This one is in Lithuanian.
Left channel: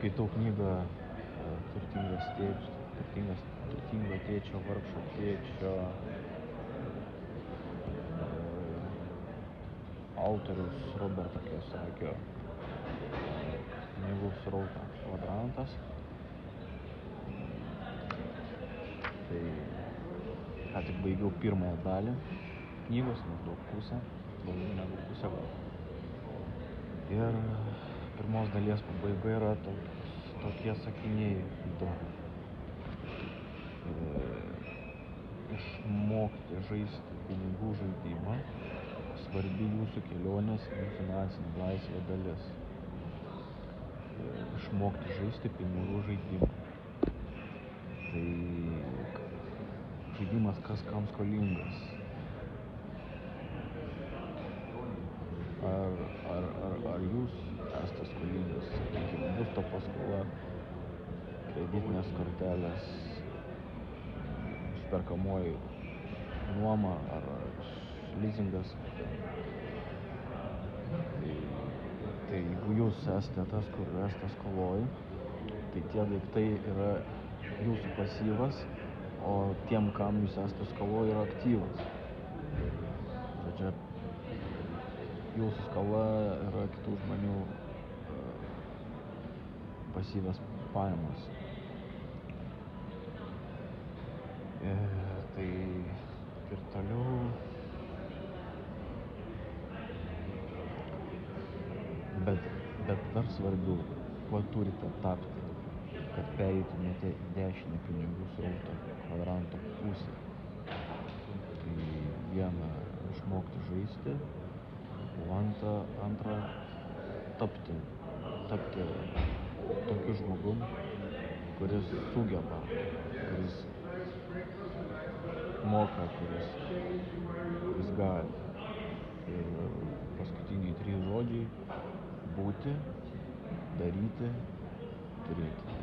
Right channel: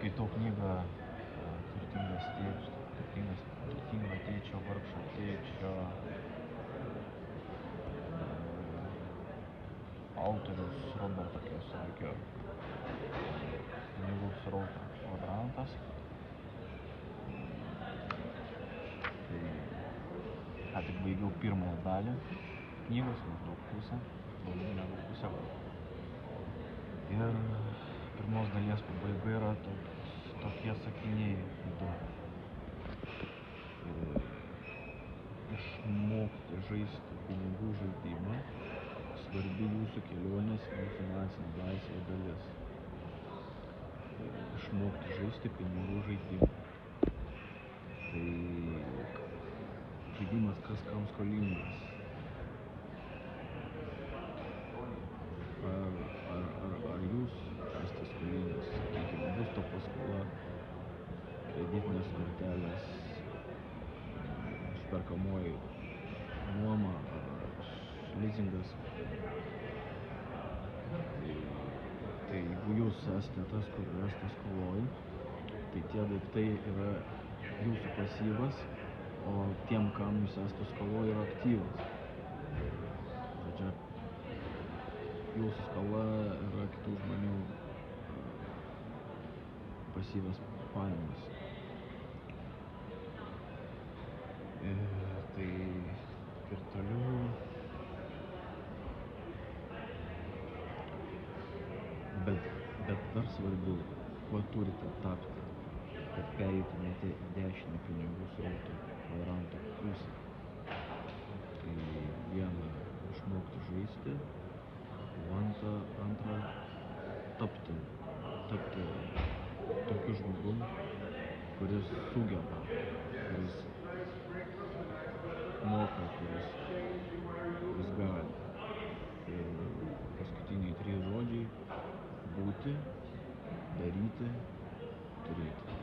Skaitau knygą Turtingo tėčio, vargšo tėčio. Autorius Roberto Kiyosakio. Knygų srauto variantas. Tai ką tik baigiau pirmą dalį knygos, maždaug pusę, daugiau negu pusę gal. Ir pirmos dalies pabaiga yra tokie sakiniai du. Išmokti žaisti pinigų žaidimą svarbi jūsų kelionės į finansinę laisvę dalis. Išmokti žaisti pinigų žaidimą. Tai žaidimas kas kam skolingas. Ar jūs esate skolingas, sakykime, būsto paskola, kreditinės kortelės, išperkamoji nuoma ar lizingas. Tai jeigu jūs esate tas, kur esate skoloj, tai tie daiktai yra jūsų pasyvas, o tiem, kam jūs esate skoloj, yra aktyvas. Žodžiu, jūsų skola yra kitų žmonių pasyvios pajamos. Tai ir toliau bet dar svarbiau, kuo turite tapti, kad pereitumėte į dešinę pinigų srauto kvadranto pusę. Tai viena, išmokti žaisti, o antra tapti tokiu žmogum, kuris sugeba, kuris moka, kuris gali. Ir paskutiniai 3 žodžiai: būti, daryti, turėti.